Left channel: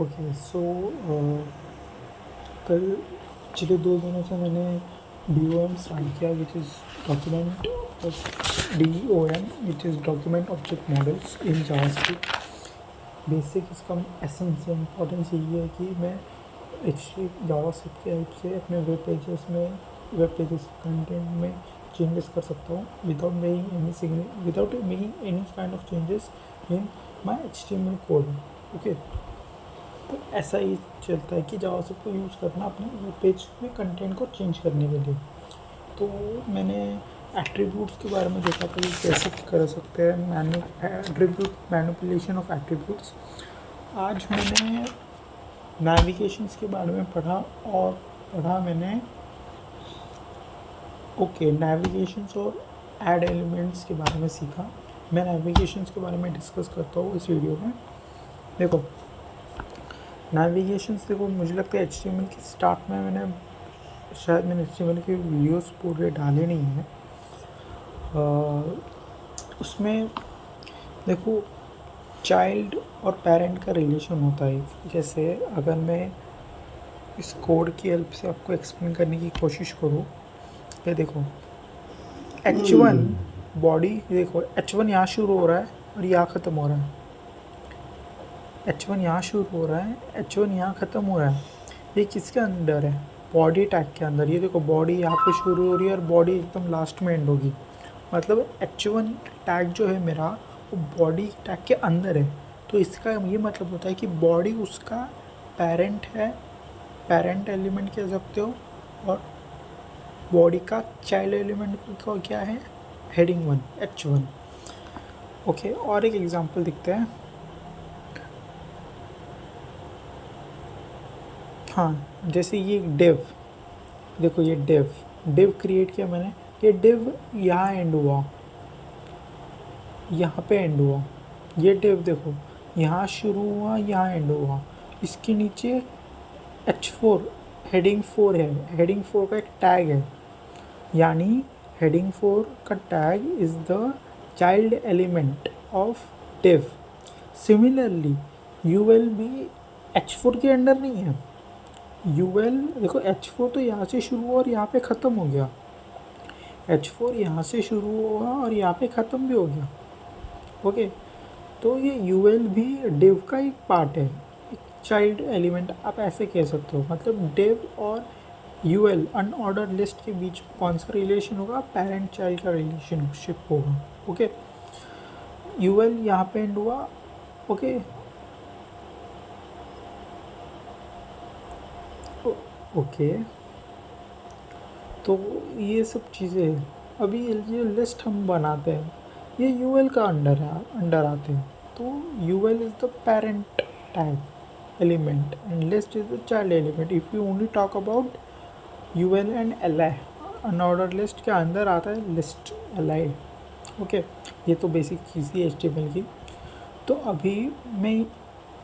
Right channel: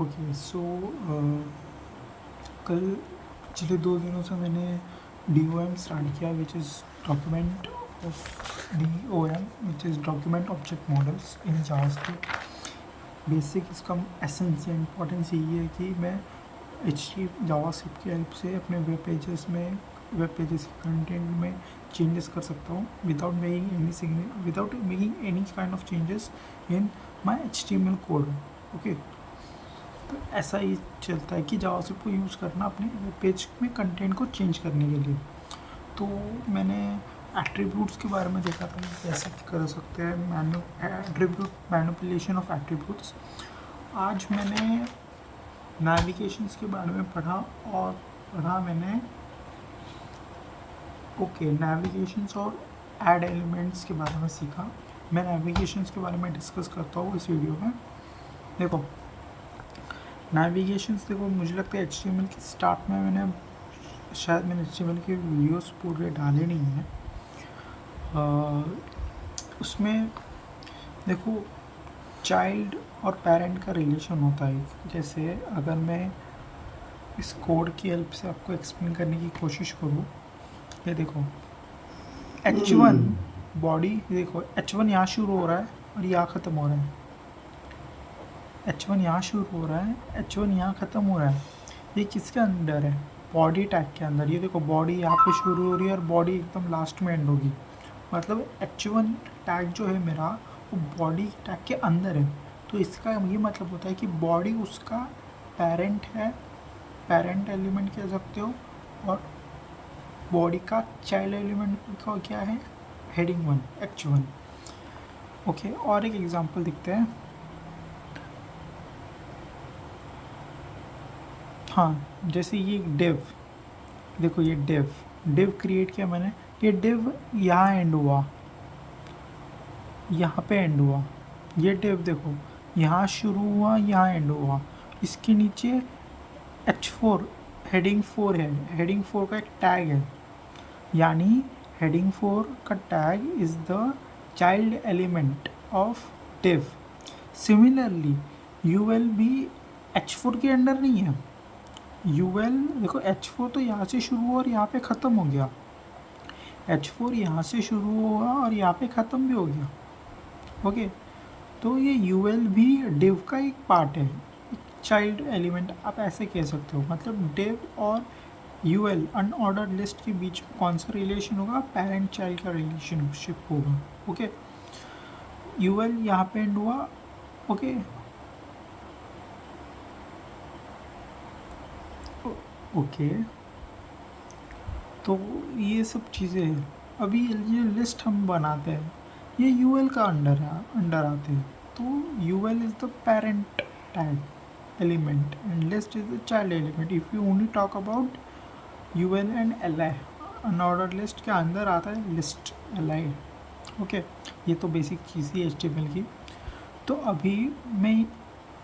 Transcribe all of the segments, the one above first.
Okay so कल पिछले 2 दिनों से मैंने DOM स्टार्ट किया which is document DOM which is document object models in JavaScript. Basic इसका एसेंस इम्पोर्टेंस यही है कि मैं जावास्क्रिप्ट की हेल्प से अपने वेब पेजेस के कंटेंट में चेंजेस कर सकता हूँ without making any kind of changes in my HTML code. Okay, तो ऐसा ही चलता है कि जावास्क्रिप्ट को यूज़ करना अपने वेब पेज में कंटेंट को चेंज करने के लिए। तो मैंने एट्रीब्यूट्स के बारे में देखा था कि कैसे कर सकते हैं मैनिपुलेशन ऑफ एट्रीब्यूट्स। आज मैंने नेविगेशंस के बारे में पढ़ा मैंने नेविगेशंस और ऐड एलिमेंट्स के बारे में सीखा। मैं नेविगेशंस के बारे में डिस्कस करता हूँ इस वीडियो में। देखो नेविगेशंस, देखो मुझे लगता है HTML की स्टार्ट में मैंने HTML के वीडियोस पूरे डाले नहीं हैं। उसमें देखो चाइल्ड और पेरेंट का रिलेशन होता है। जैसे अगर मैं इस कोड की हेल्प से आपको एक्सप्लेन करने की कोशिश करूँ, ये देखो H1 बॉडी, देखो H1 यहाँ शुरू हो रहा है और यहाँ ख़त्म हो रहा है। H1 यहाँ शुरू हो रहा है, H1 यहाँ ख़त्म हो रहा है। ये किसके अंदर है? बॉडी टैग के अंदर। ये देखो बॉडी यहाँ पे शुरू हो रही है और बॉडी एकदम लास्ट में एंड होगी। मतलब H1 टैग जो है मेरा वो बॉडी टैग के अंदर है। तो इसका ये मतलब होता है कि बॉडी उसका पेरेंट है, पेरेंट एलिमेंट कह सकते हो, और बॉडी का चाइल्ड एलिमेंट का क्या है? Heading 1 H1। ओके, और एक एग्जांपल दिखते हैं। हाँ, जैसे ये डिव, देखो ये डिव क्रिएट किया मैंने। ये डिव यहाँ एंड हुआ, यहाँ पे एंड हुआ। ये डिव देखो यहाँ शुरू हुआ, यहाँ एंड हुआ। इसके नीचे H4 हेडिंग 4 है। हेडिंग 4 का एक टैग है, यानी हेडिंग 4 का tag is the child element of div. Similarly UL भी H4 के अंडर नहीं है। UL देखो H4 तो यहाँ से शुरू हुआ और यहाँ पे ख़त्म हो गया। H4 यहाँ से शुरू हुआ और यहाँ पे ख़त्म भी हो गया। ओके, तो ये UL भी डिव का एक पार्ट है, एक चाइल्ड एलिमेंट आप ऐसे कह सकते हो। मतलब डिव और UL अनऑर्डर लिस्ट के बीच कौन सा रिलेशन होगा? पेरेंट चाइल्ड का रिलेशनशिप होगा। ओके, UL यहाँ पे एंड हुआ। ओके, ओके, तो ये सब चीज़ें हैं। अभी ये लिस्ट हम बनाते हैं, ये UL का अंडर आते हैं। तो UL is the parent tag element and list is the child element. If you only talk about UL and LI, unordered list के अंदर आता है लिस्ट LI। ओके, ये तो बेसिक चीज़ थी HTML की। तो अभी मैं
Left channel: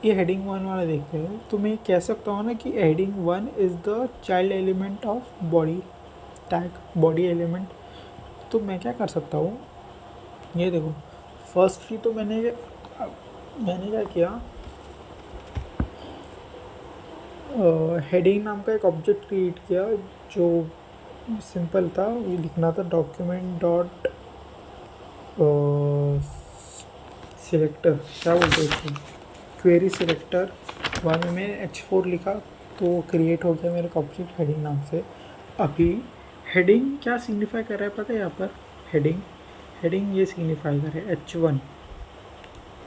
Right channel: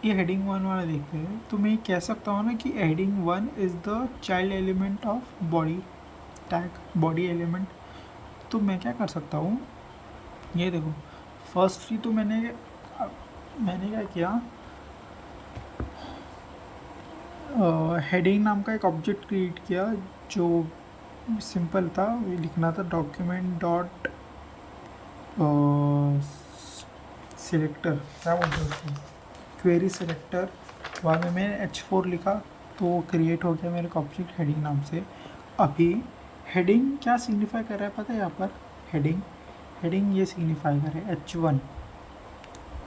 ये हेडिंग 1 वाला देखते हैं। तो मैं कह सकता हूँ ना कि heading 1 is the child element of body tag, body element. तो मैं क्या कर सकता हूँ, ये देखो फर्स्टली तो मैंने क्या किया, हेडिंग नाम का एक ऑब्जेक्ट क्रिएट किया जो सिंपल था। ये लिखना था डॉक्यूमेंट डॉट सिलेक्टर, क्या बोलते हैं उसको, क्वेरी सिलेक्टर। बाद में मैंने H4 लिखा तो वो क्रिएट हो गया मेरे ऑब्जेक्ट हेडिंग नाम से। अभी हेडिंग क्या सिग्निफाई कर रहा है पता है? यहाँ पर हेडिंग ये सिग्निफाई कर रहा है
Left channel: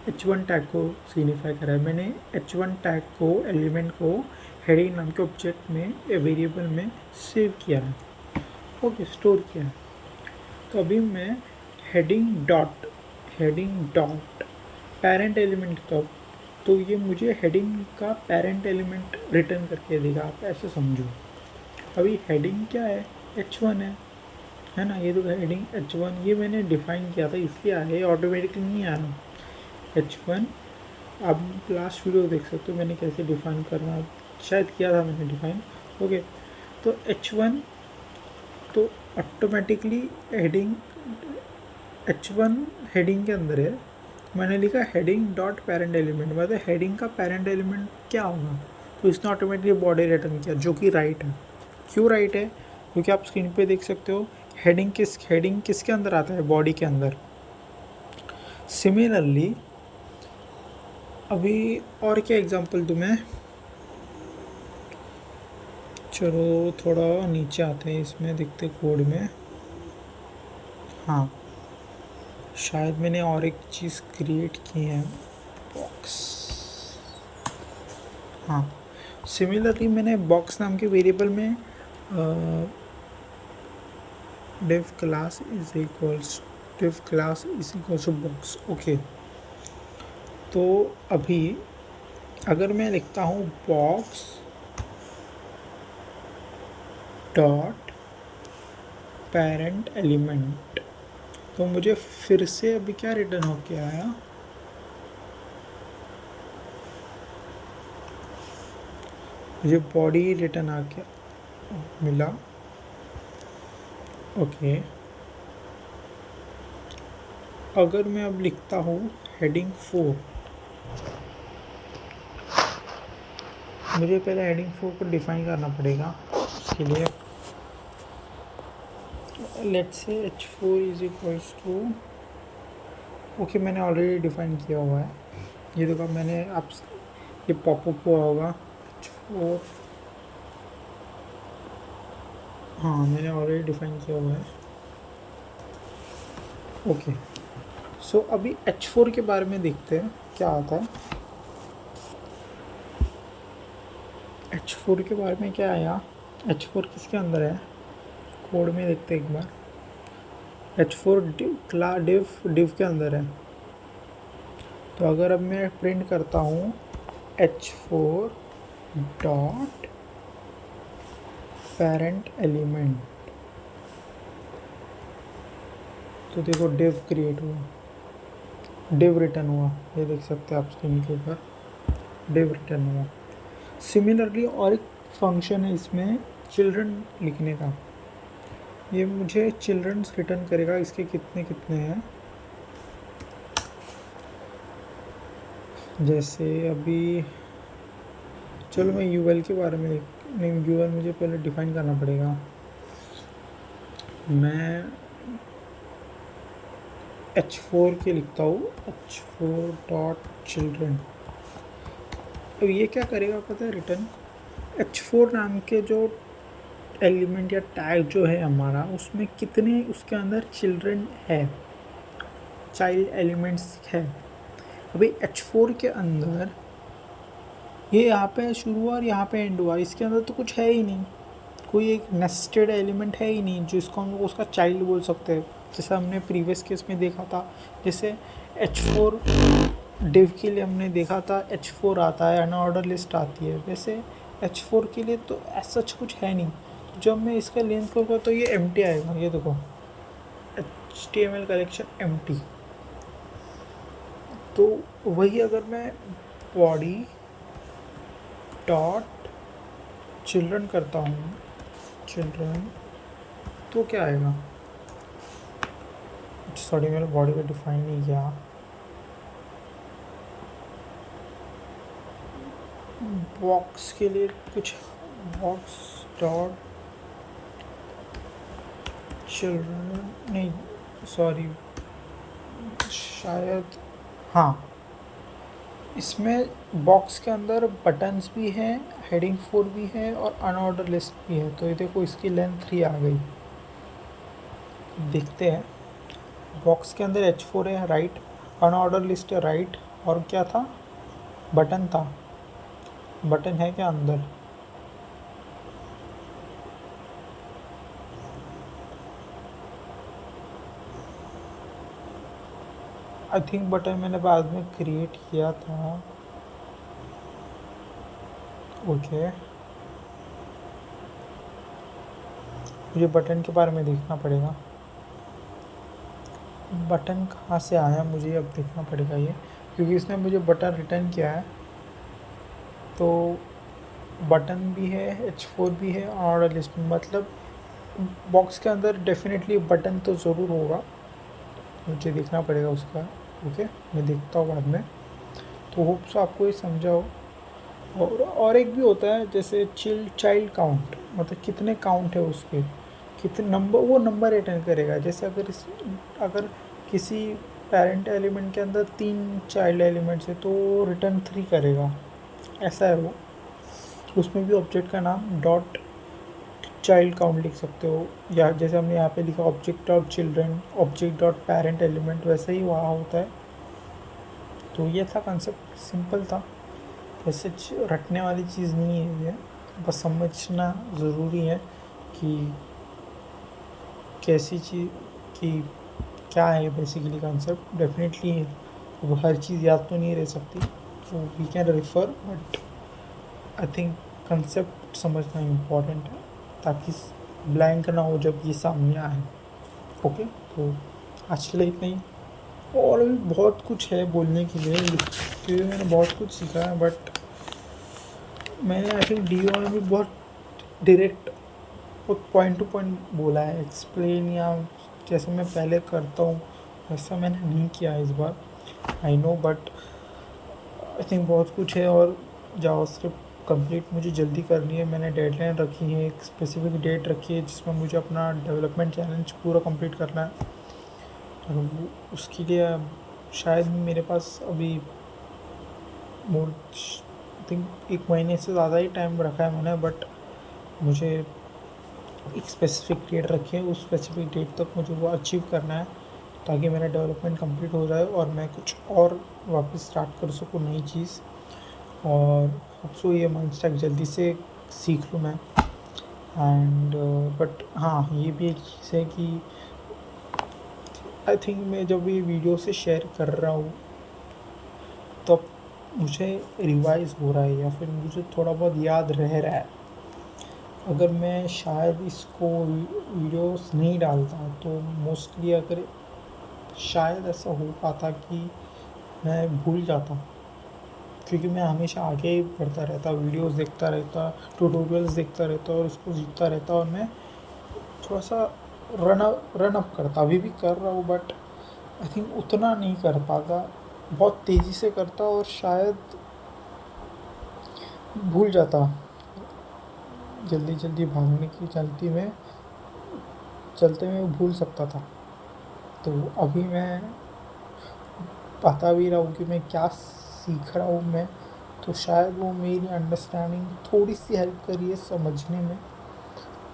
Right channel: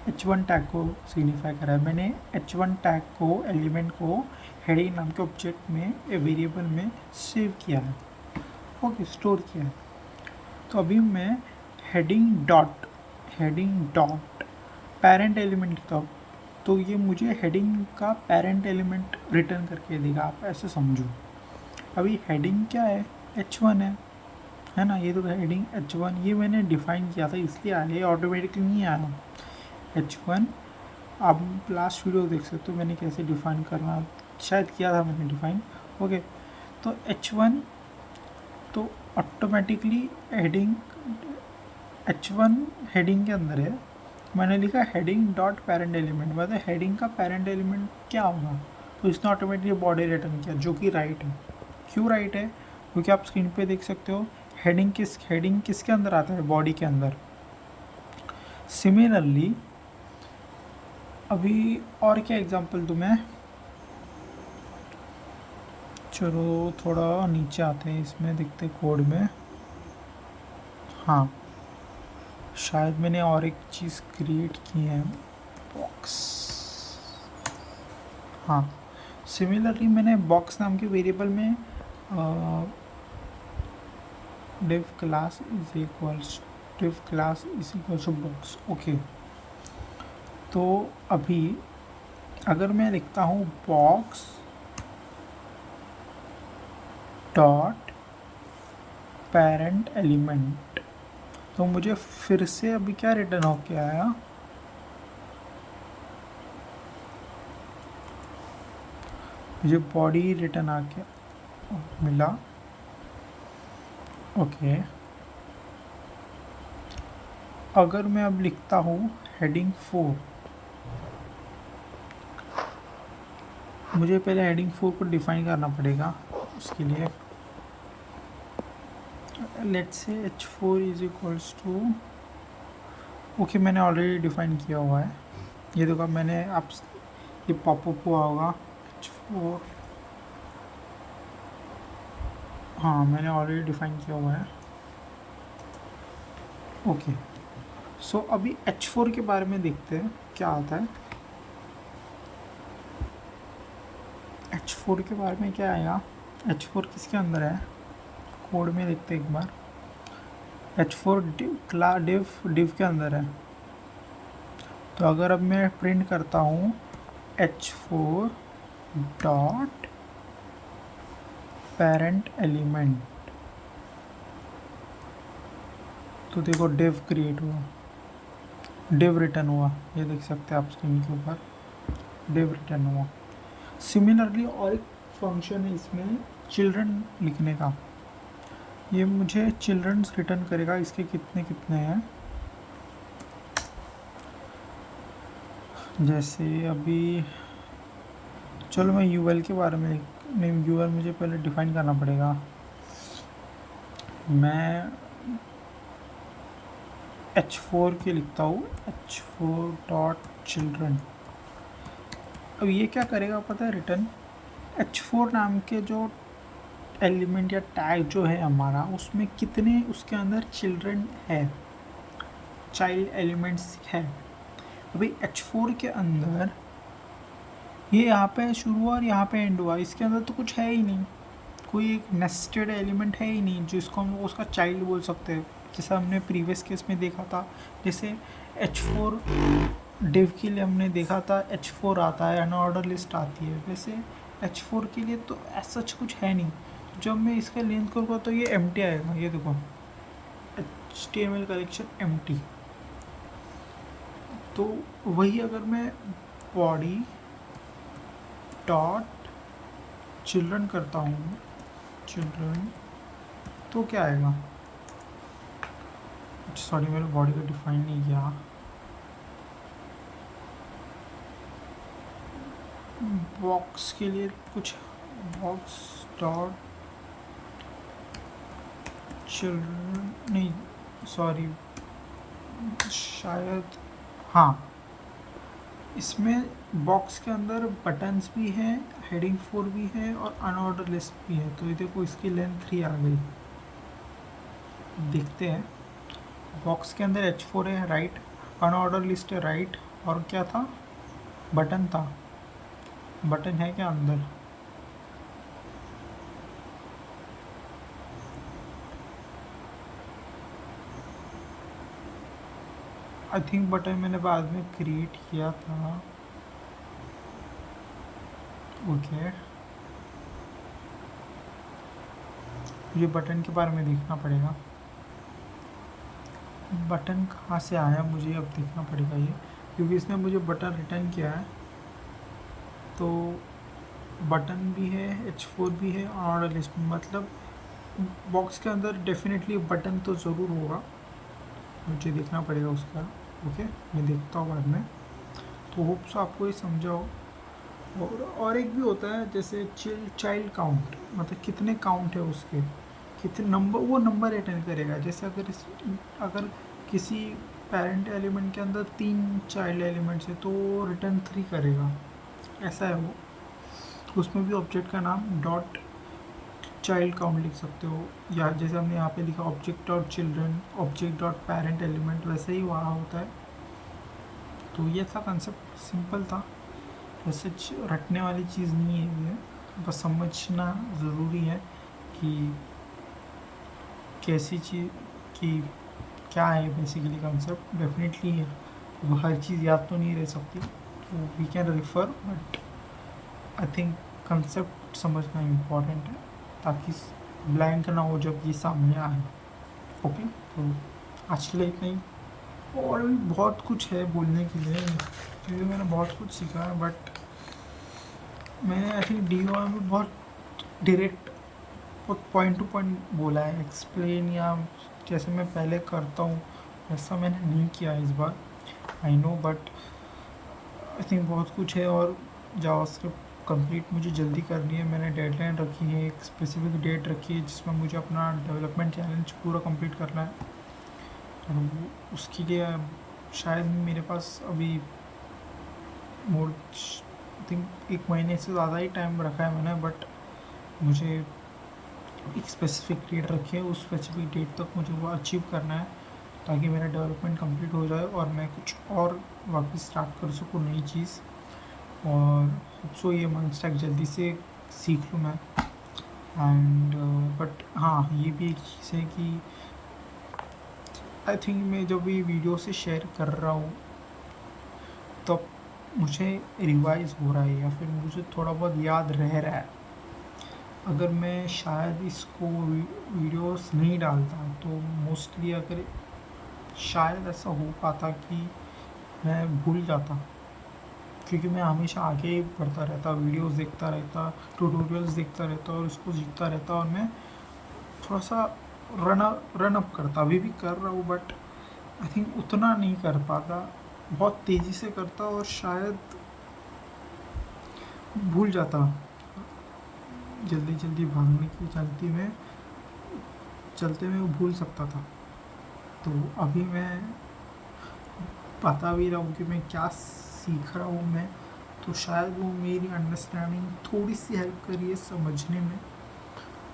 H1 टैग को सिग्निफाई कर रहा है। मैंने H1 टैग को, एलिमेंट को हेडिंग नाम के ऑब्जेक्ट में, वेरिएबल में सेव किया है। ओके, स्टोर किया है। तो अभी मैं हेडिंग डॉट पेरेंट एलिमेंट तो ये मुझे हेडिंग का पेरेंट एलिमेंट रिटर्न करके देगा। आप ऐसे समझो, अभी हेडिंग क्या है? H1 है ना। ये तो हेडिंग H1 ये मैंने डिफ़ाइन किया था, इसलिए आया, ये ऑटोमेटिकली नहीं आया H1। आप लास्ट वीडियो देख सकते हो मैंने कैसे डिफ़ाइन करना, शायद किया था मैंने डिफ़ाइन। ओके, तो H1 तो ऑटोमेटिकली हेडिंग H1 हेडिंग के अंदर है। मैंने लिखा हेडिंग डॉट पेरेंट एलिमेंट, मतलब हेडिंग का पेरेंट एलिमेंट क्या होगा, तो इसने ऑटोमेटिकली बॉडी रिटर्न किया, जो कि राइट है। क्यों राइट है? क्योंकि आप स्क्रीन पे देख सकते हो हेडिंग किसके अंदर आता है, बॉडी के अंदर। सिमिलरली अभी और क्या एग्जांपल दूँ मैं, चलो थोड़ा नीचे आते हैं, इसमें देखते कोड में। हाँ, शायद मैंने और एक चीज़ क्रिएट की है, बॉक्स। हाँ, सिमिलरली मैंने बॉक्स नाम के वेरिएबल में div class is equals to box। Okay, तो अभी अगर मैं लिखता हूँ बॉक्स डॉट पेरेंट एलिमेंट, तो मुझे फिर से अभी क्या रिटर्न होके आया, मुझे बॉडी रिटर्न आके मिला। ओके, अगर मैं अब लिखता हूँ हेडिंग 4, मुझे पहले हेडिंग 4 को डिफाइन करना पड़ेगा। उसके लिए let's say h4 is equals to, okay मैंने ऑलरेडी डिफाइन किया हुआ है, ये देखो मैंने आप ये पॉपअप हुआ होगा h4, हाँ मैंने ऑलरेडी डिफाइन किया हुआ है। ओके, सो अभी h4 के बारे में देखते हैं क्या आता है। h4 के बारे में क्या आया, h4 किसके अंदर है, कोड में देखते हैं एक बार। h4 डिव के अंदर है। तो अगर अब मैं प्रिंट करता हूँ h4 डॉट पेरेंट एलिमेंट, तो देखो डिव क्रिएट हुआ, डिव रिटर्न हुआ, ये देख सकते हैं आप स्क्रीन के ऊपर, डिव रिटर्न हुआ। सिमिलरली और एक फंक्शन है इसमें चिल्ड्रन लिखने का, ये मुझे चिल्ड्रंस रिटर्न करेगा, इसके कितने कितने हैं। जैसे अभी चलो मैं यूएल के बारे में, नहीं यूएल मुझे पहले डिफाइन करना पड़ेगा। मैं h4 के लिखता हूँ h4 डॉट चिल्ड्रन। अब ये क्या करेगा पता है, रिटर्न h4 नाम के जो एलिमेंट या टैग जो है हमारा, उसमें कितने उसके अंदर चिल्ड्रन है, चाइल्ड एलिमेंट्स है। अभी h4 के अंदर ये यहाँ पे शुरू हुआ और यहाँ पे एंड हुआ, इसके अंदर तो कुछ है ही नहीं, कोई एक नेस्टेड एलिमेंट है ही नहीं जिसको हम उसका चाइल्ड बोल सकते हैं। जैसा हमने प्रीवियस केस में देखा था, जैसे h4 डिव के लिए हमने देखा था h4 आता है, अनऑर्डर लिस्ट आती है, वैसे h4 के लिए तो ऐसा कुछ है नहीं। जब मैं इसका लिंक करूँगा तो ये एम्प्टी आएगा, ये देखो HTML कलेक्शन एम्प्टी। तो वही अगर मैं बॉडी डॉट चिल्ड्रन करता हूँ, चिल्ड्रन, तो क्या आएगा, सॉरी मैंने बॉडी को डिफाइन नहीं किया। बॉक्स के लिए कुछ बॉक्स डॉट चिल्ड्रन, नहीं सॉरी, शायद हाँ, इसमें बॉक्स के अंदर बटन्स भी हैं, हेडिंग 4 भी है और अनऑर्डर लिस्ट भी है। तो ये देखो इसकी लेंथ 3 आ गई। देखते हैं, बॉक्स के अंदर h4 है राइट, अनऑर्डर लिस्ट है राइट, और क्या था, बटन था, बटन है क्या अंदर, आई थिंक बटन मैंने बाद में क्रिएट किया था। ओके, मुझे बटन के बारे में देखना पड़ेगा, बटन कहाँ से आया मुझे अब देखना पड़ेगा ये, क्योंकि इसने मुझे बटन रिटर्न किया है। तो बटन भी है, h4 भी है, ऑर्डर लिस्ट में, मतलब बॉक्स के अंदर डेफिनेटली बटन तो ज़रूर होगा, मुझे देखना पड़ेगा उसका ओके, मैं देखता हूँ बाद में। तो होप्स आपको ये समझा हो। और एक भी होता है जैसे चाइल्ड काउंट, मतलब कितने काउंट है उसके, कितने नंबर, वो नंबर रिटर्न करेगा। जैसे अगर किसी पेरेंट एलिमेंट के अंदर 3 चाइल्ड एलिमेंट्स है तो वो रिटर्न 3 करेगा, ऐसा है वो। उसमें भी ऑब्जेक्ट का नाम डॉट चाइल्ड काउंट लिख सकते हो, या जैसे हमने यहाँ पे लिखा object dot children, object dot parent element, वैसे ही वहाँ होता है। तो ये था कंसेप्ट, सिंपल था, वैसे रटने वाली चीज़ नहीं है ये, बस समझना ज़रूरी है कि कैसी चीज़, कि क्या है बेसिकली कंसेप्ट। डेफिनेटली अब हर चीज़ याद तो नहीं रह सकती, तो we can refer, but I think concept समझना इम्पोर्टेंट है, ताकि ब्लैंक ना हो जब ये सामने आए। ओके, तो आज के लिए इतना ही। और भी बहुत कुछ है बोलने के लिए, लिखते हुए मैंने बहुत कुछ सीखा है, बट मैंने आई थिंक डी में भी बहुत डायरेक्ट, बहुत पॉइंट टू पॉइंट बोला है, एक्सप्लेन या जैसे मैं पहले करता हूँ वैसा मैंने नहीं किया है इस बार, I know, but I think बहुत कुछ है। और जावास्क्रिप्ट कंप्लीट मुझे जल्दी करनी है, मैंने डेडलाइन रखी है, एक स्पेसिफिक डेट रखी है जिसमें मुझे अपना डेवलपमेंट चैलेंज पूरा कंप्लीट करना है। और उसके लिए शायद मेरे पास अभी मोर थिंक 1 महीने से ज़्यादा ही टाइम रखा है मैंने, बट मुझे एक स्पेसिफिक डेट रखी है, उस स्पेसिफिक डेट तक मुझे वो अचीव करना है, ताकि मेरा डेवलपमेंट कंप्लीट हो जाए और मैं कुछ और वापस स्टार्ट कर सकूँ नई चीज़। और होप्सो ये मंथ स्टैक जल्दी से सीख लूँ मैं। एंड बट हाँ, ये भी एक चीज़ है कि आई थिंक मैं जब ये वीडियो से शेयर कर रहा हूँ तब मुझे रिवाइज़ हो रहा है, या फिर मुझे थोड़ा बहुत याद रह रहा है। अगर मैं शायद इसको वीडियोस नहीं डालता तो मोस्टली, अगर शायद ऐसा हो पाता कि मैं भूल जाता, क्योंकि मैं हमेशा आगे ही बढ़ता रहता, वीडियोस देखता रहता, ट्यूटोरियल्स देखता रहता और उसको सीखता रहता, और मैं थोड़ा सा रन अप करता, अभी भी कर रहा हूँ, बट आई थिंक उतना नहीं कर पाता, बहुत तेज़ी से करता और शायद भूल जाता, जल्दी जल्दी भागने की चलते में भूल सकता था। तो अभी मैं बता भी रहा हूँ कि मैं क्या सीख रहा हूँ मैं, तो शायद वो मेरी अंडरस्टैंडिंग थोड़ी सी हेल्प करी है समझने में,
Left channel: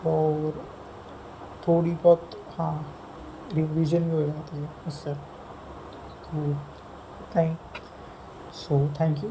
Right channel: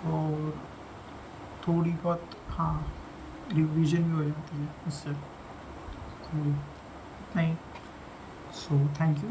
और थोड़ी बहुत हाँ रिवीजन भी हो जाती है उससे। तो नहीं, सो थैंक यू।